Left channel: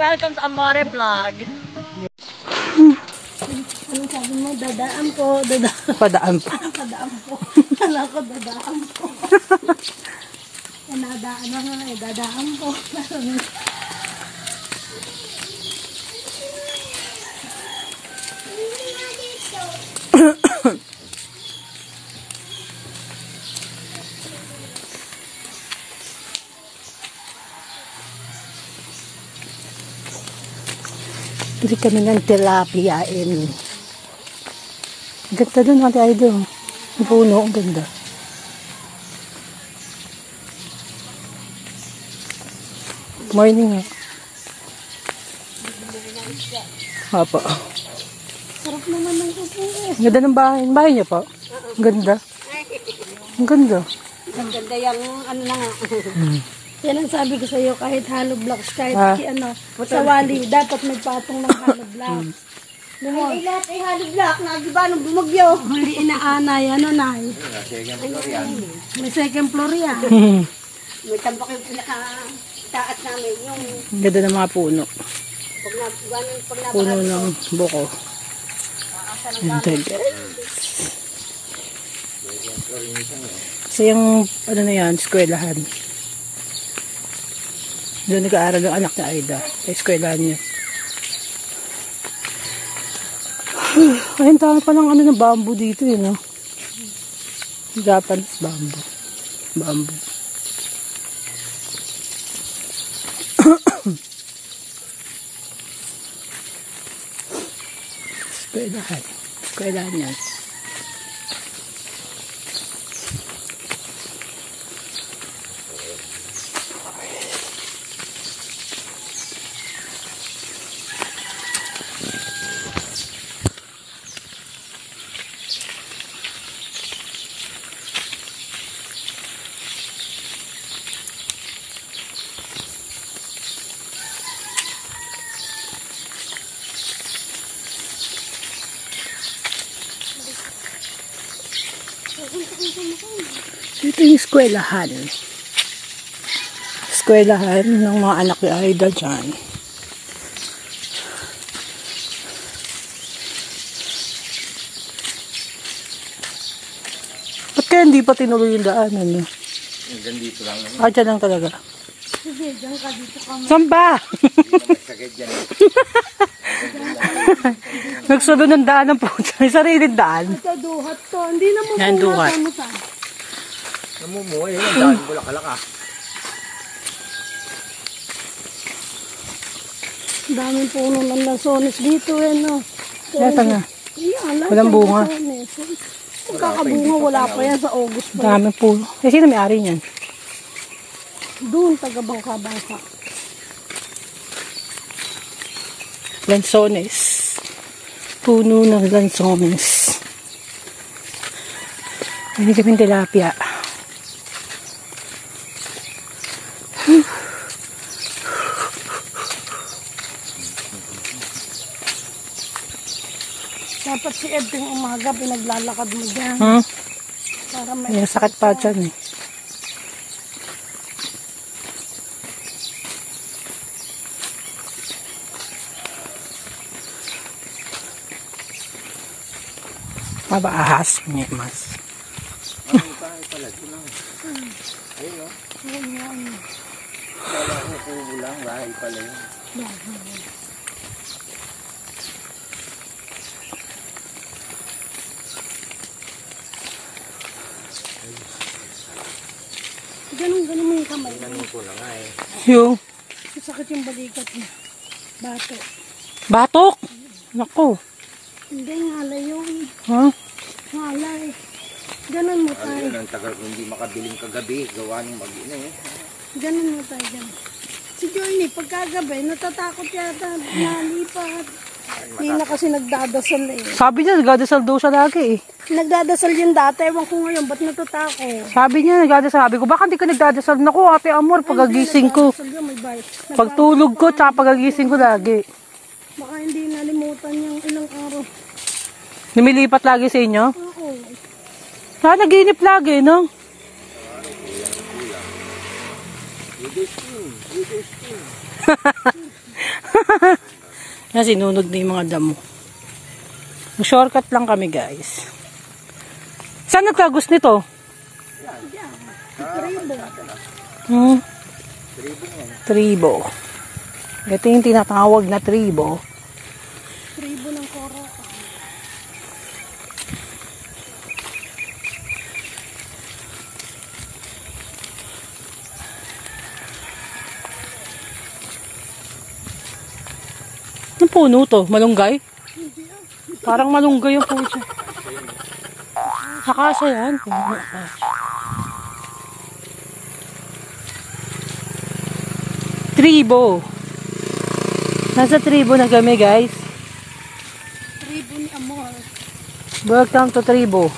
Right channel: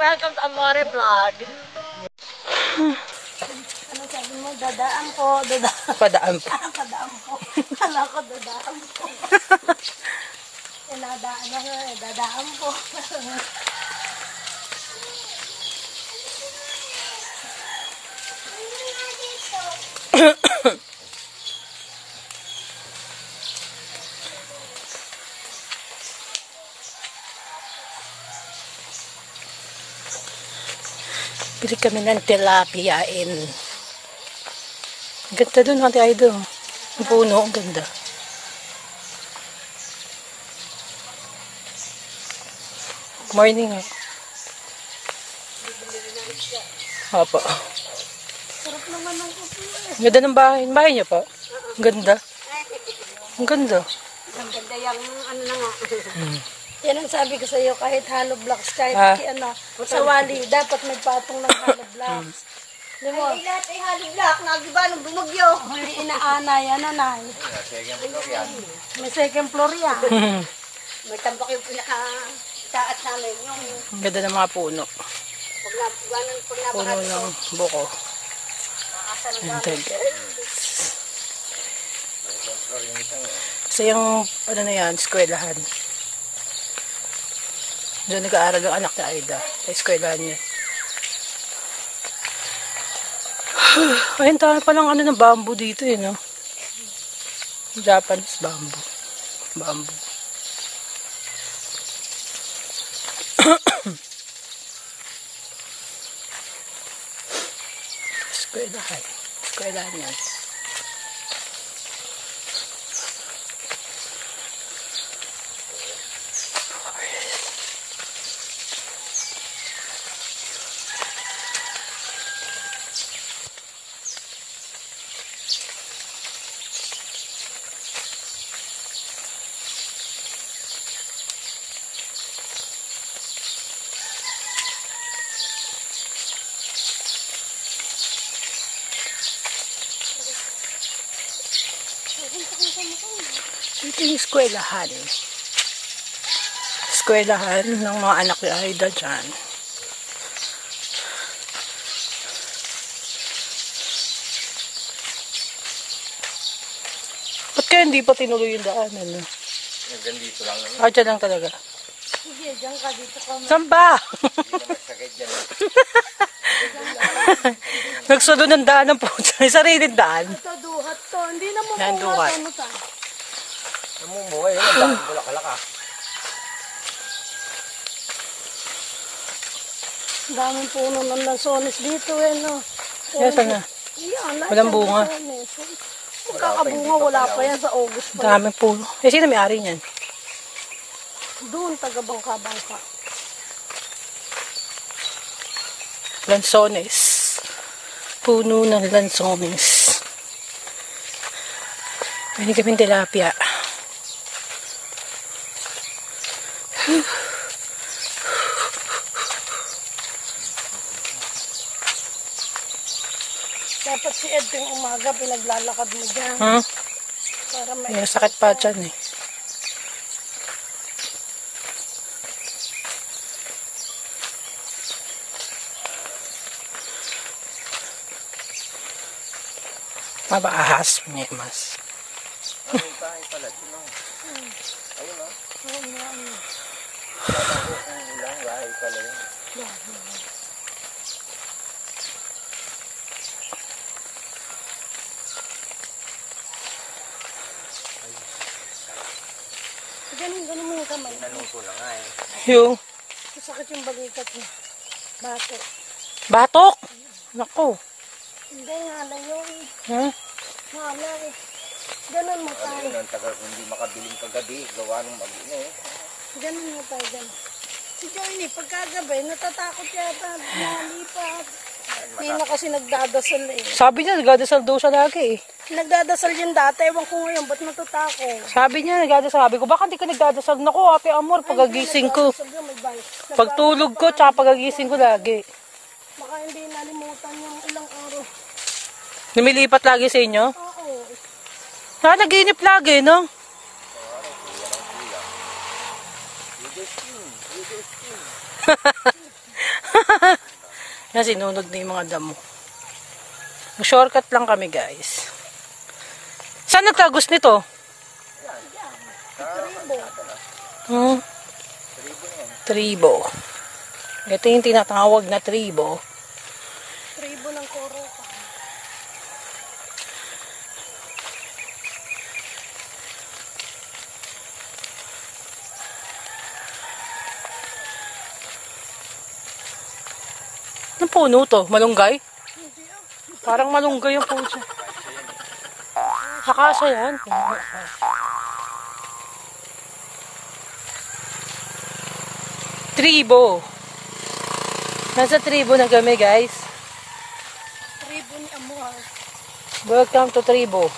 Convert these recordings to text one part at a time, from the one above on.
welcome to Amore Vlog. Ano sabi mo? Dadaan po. Padaan po. Padaan po. Kala ko dadaan po. Nadaan na nga eh. Dadaan po. Bili kami ng tilapiain. Ang ganda doon, Ate Aido. Ang puno, ang ganda. Morning. Opo. Sarap naman ng pupo eh. Ang ganda ng bahay. Ang bahay niyo po? Ang ganda. Ang ganda. Ang ganda yung ano na nga. Yan ang sabi ko sa iyo, kahit hollow blocks, kahit sa wali, dapat may patong ng hollow blocks. Ay, lahat ay hollow block. Nagiba nung bumagyo. Hindi inaanay, ano na. May second floor yan. May tambak yung pinaka-taat namin. Yung Ang ganda ng mga puno. pag Puno ng buko. Ang ganda. So yung, ano na yan, eskwelahan. Doon nag-aaral ang anak ni Aida. Sa eskwelahan niya. Ayun, tayo palang ano ng bamboo dito eh, no? Japanese bamboo. Bamboo. Eskwelahan. Eskwelahan yan. Ito yung eskwelahan. Eskwelahan ng mga anak ni Aida dyan. Ba't kaya hindi pa tinuloy yung daanan, no? Hanggang dito lang naman. Ah, dyan lang talaga. Sige, dyan ka dito ka. Saan ba? Hindi naman sakit dyan. Nagsudo ng daan ng puso. May sariling daan. Ito, duhat to. Hindi na mo Yan, duhat. Namumuhay yun. Ang daan bulakalak ah. Daming puno ng lansones dito eh, no? Yes, ano? Yan, lahat Walang ng bunga. lansones. Magkakabunga, wala pa yan sa August pa. Daming puno. Eh, sino may-ari niyan? Doon, taga-bangka-bangka. Lansones. Puno ng lansones. Hindi kami tilapia. Dapat si Ed yung umaga, pinaglalakad mo dyan. Para may... May sakit pa dyan eh. Aba, ahas. May mas. Ang bahay pala. Doon lang. Ayun o. Oo nga, ano. Kala ko kubo lang. Bahay pala yun. Ganun mo yung kamay. Nanuto na nga eh. Yung Sakit yung balikat niya. Bato. batok. Naku. Hindi, ngalay yun. Ha? Ngalay. Ganun mo tayo. Ayun ang tagal kung hindi makabiling kagabi. Gawa nung mag-ina eh. Ganun mo tayo dyan. Si Johnny, pagkagabi, natatakot yata. Nalipat. Hindi na kasi nagdadasal eh. Sabi niya, nagdadasal daw siya lagi eh. Nagdadasal yun dati. Ewan ko ngayon, ba't natatakot? Sabi niya, nagdadasal. Sabi ko, baka hindi ka nagdadasal. Naku, Ate Amor, pagagising ko. Nagdadasal yun, may bayo. Pagtulog ko, tsaka pagagising ko lagi. Baka hindi nalimutan yung ilang araw. Lumilipat lagi sa inyo? Oo. Kaya naginip lagi, no? Yan, sinunod na yung mga damo. Shortcut lang kami, guys. Saan nagtagos nito? Tribo. Ito yung tinatawag na tribo. Tribo ng koro. Anong puno to? Malunggay? Parang malunggay yung puno siya. Akasa yan. Tribo. Nasa tribo na kami, guys. Tribo ni Amor. Welcome to tribo.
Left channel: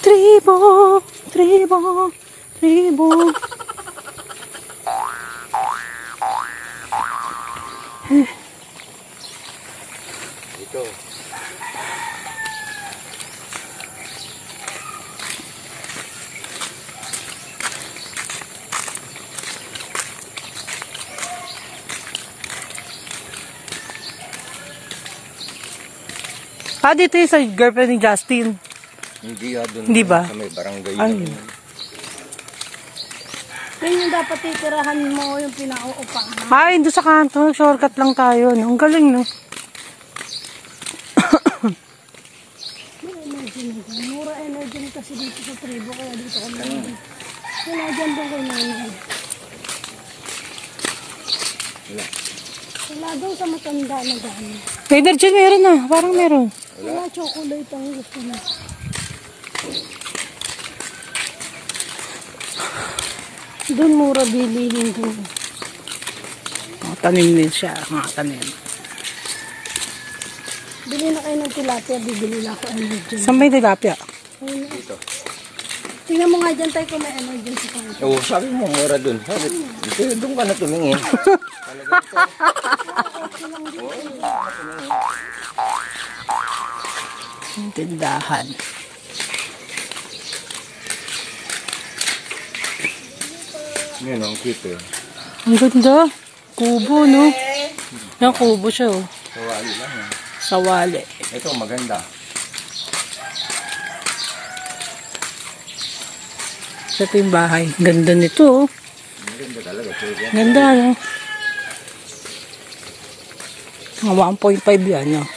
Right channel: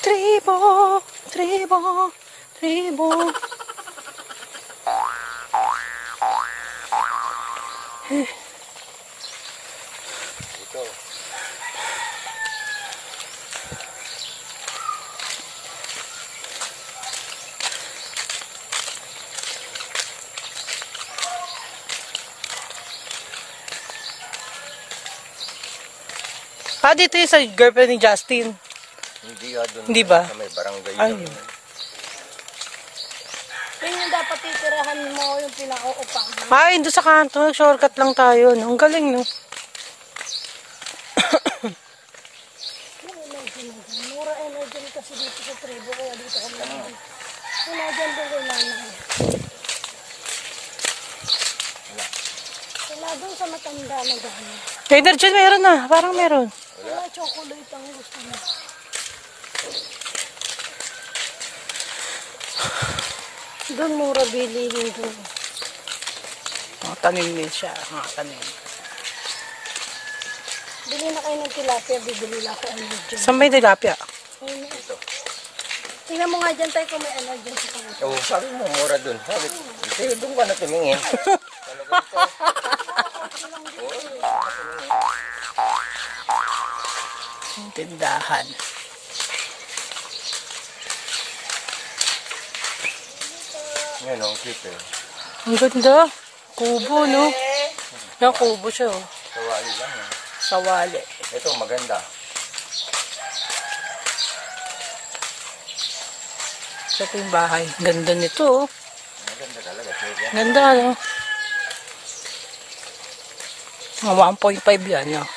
Tribo. Tribo. Tribo. Ito. Dito yung sa girlfriend ni Justin. Hindi doon. Hindi ba? Sa may barangay Ay. lang. Yan yung dapat titirahan mo yung pinauupahan. Ay, doon sa kanto. Shortcut lang tayo. No? Ang galing, no? Mura energy kasi dito sa tribo, kaya dito kami. Wala dyan doon kay nanay. Wala doon sa matanda na gano'n. Energy meron na. Parang meron. Wala chocolate ang gusto niya. Doon mura bilihin doon. Tanim din siya. Mga tanim. Bili na kayo ng tilapia, bibili na ako energy. Saan may tilapia? Ayun na. Tingnan mo nga dyan tayo kung may energy sa kanila. Oo, sabi mo, mura doon. Sabi, ito, doon ka na tumingin. Ang tindahan. Yan o, cute eh. Ang ganda. Kubo, no? Yan, kubo siya, oh. Sawali lang eh. Sawali. Ito, maganda. Ito yung bahay. Ganda nito, oh. Maganda talaga, cute yan. Ganda, no? Mga 1.5 yan, no?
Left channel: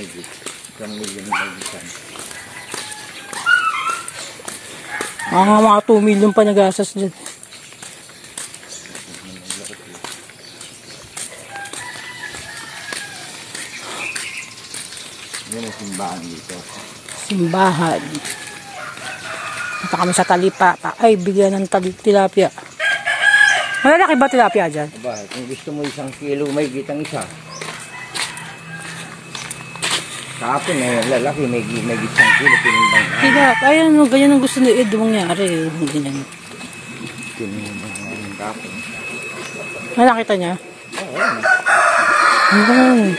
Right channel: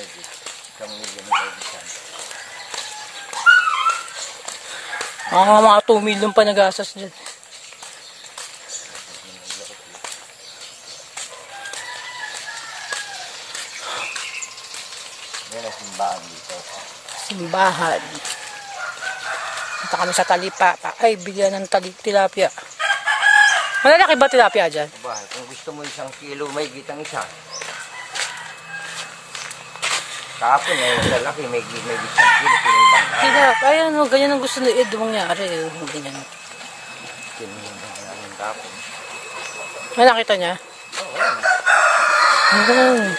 Medyo, isang million na isang. Mga 2 million pa nag-asas din. Yan ang simbahan dito. Simbahan. Punta kami sa talipapa. Ay, bigyan ng tilapia. Malalaki ba tilapia dyan? Aba, kung gusto mo 1 kilo, may gitang isa. Kahapon na yun, lalaki, may gitang kilo, pinimbang na. Tilapia. Ayan, no, ganyan ang gusto ni Ed mangyari. Ganyan. Pinimbang na yung kahapon. Nakita niya? Oo.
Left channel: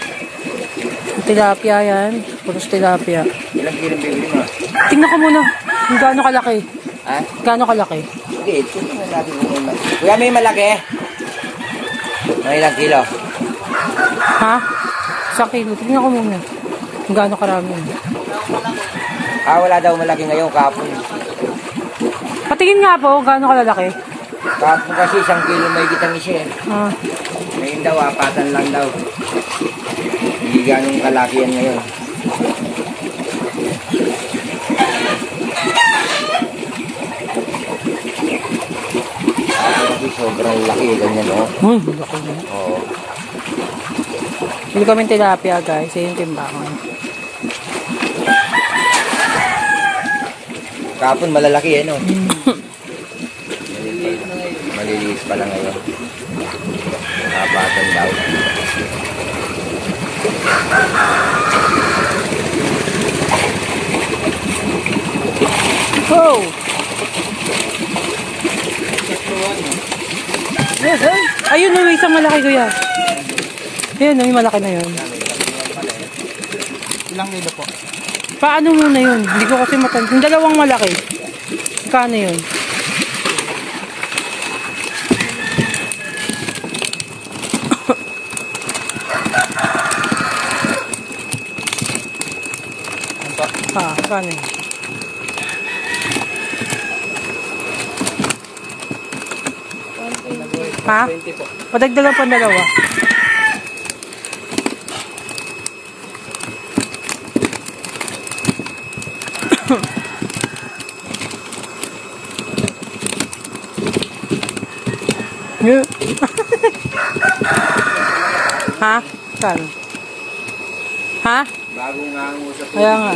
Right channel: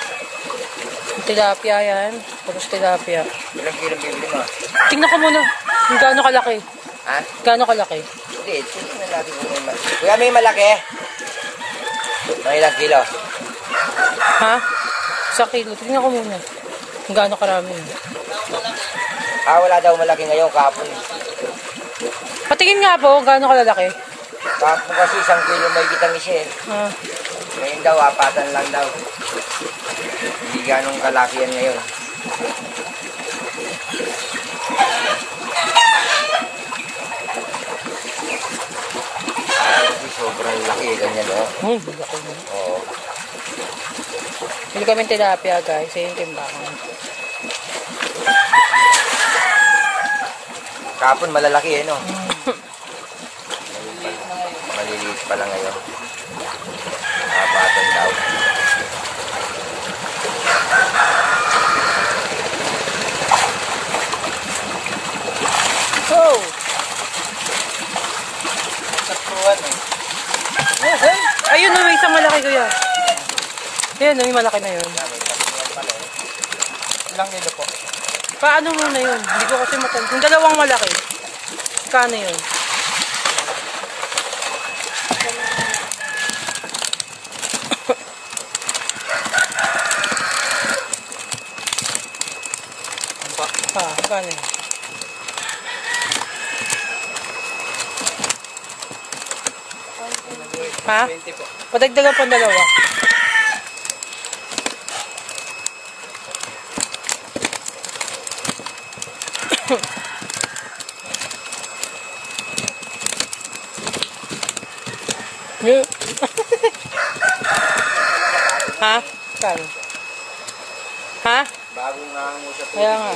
Tilapia yan. Puros tilapia. Ilang kilo bibili mo? Tingnan ko muna. Kung gaano kalaki. Ha? Gaano kalaki. Hindi, tingnan natin kung may malaki. Kuya, may malaki? Mga ilang kilo? Ha? Sa kilo. Tingnan ko muna. Kung gaano karami. Wala daw malaki ngayon, kahapon. Patingin nga po kung gaano kalalaki. Kahapon kasi 1 kilo may gitang isa eh. Ngayon daw, 4 lang daw. Hindi ganong kalaki yan ngayon. Kasi sobrang laki, ganyan o. Oh, laki na. Oo. Hindi kami tilapia, guys. Yung timbangan. Kahapon malalaki eh, no? Maliliit pa lang ngayon. Kapatan daw. Oh! Yes, eh? Ayun, may isang malaki ko yan. Ayun, may malaki na yun. Ilang kilo po? Paano mo na yun? Hindi ko kasi matanda. Yung dalawang malaki. Kano yun? Paano yun? Ha? Padagdagan pa dalawa. Ha? Saan? Ha? Bago nga ang usap. Kaya nga.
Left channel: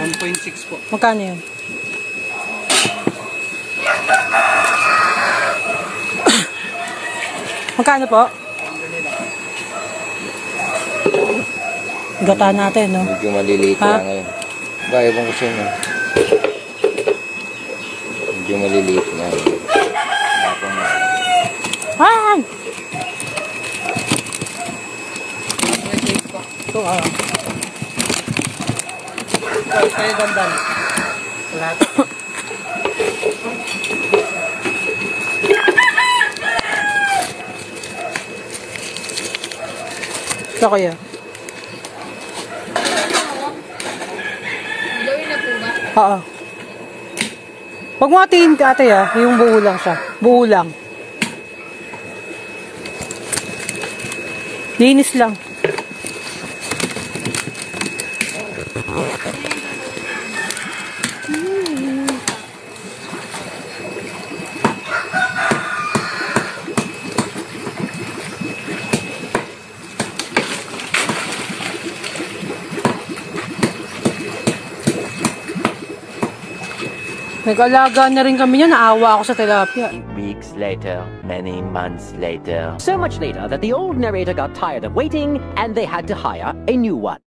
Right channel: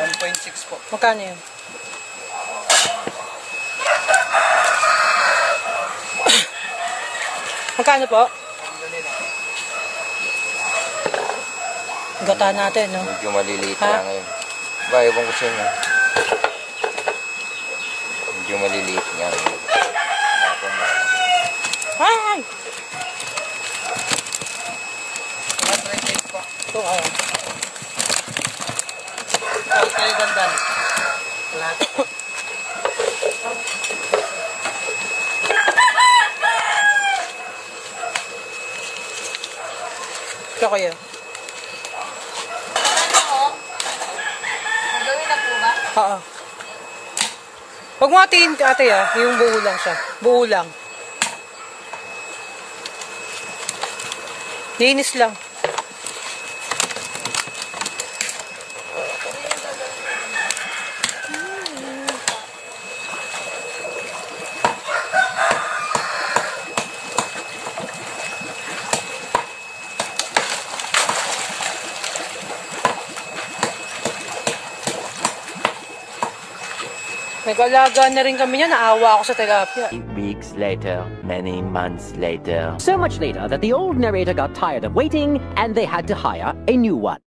1.6 po. Magkano yun? Magkano po? Gata natin, no? Medyo maliliit Ha? na ngayon. Ba, ibang ko sa inyo. Medyo maliliit na. Ako na. Ay! Ito, Kayo dandan. Lahat. Ito kaya. Gawin na po ba? Oo. Huwag mo atiin, ate, yung buo lang siya. Buo lang. Linis lang. Nag-alaga na rin kami niya. Naawa ako sa tilapia. Weeks later, many months later. So much later that the old narrator got tired of waiting and they had to hire a new one.